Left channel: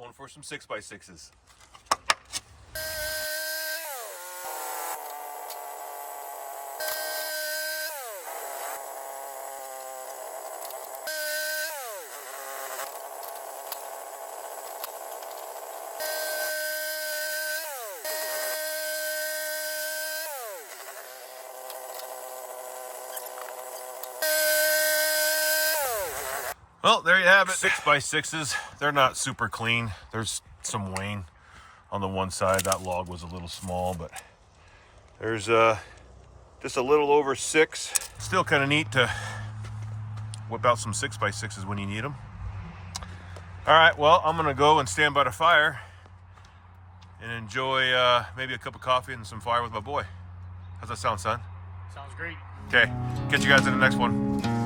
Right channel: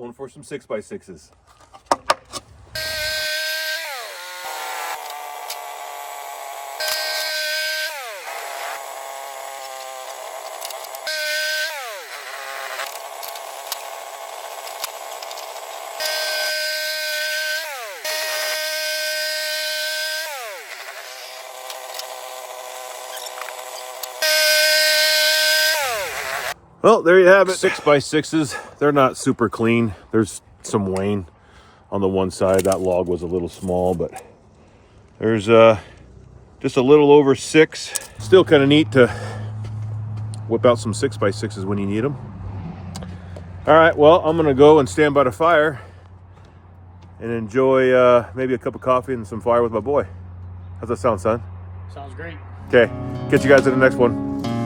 Going for some 6x6s. Well, there you have it. 6x6s. They're not super clean. There's some wane on the one side. That log was a little small, but there's just a little over 6. Still kind of neat to whip out some 6x6s when you need them. All right, well, I'm gonna go and stand by the fire and enjoy maybe a cup of coffee and some fire with my boy. How's that sound, son? Sounds great. Okay, catch you guys in the next one.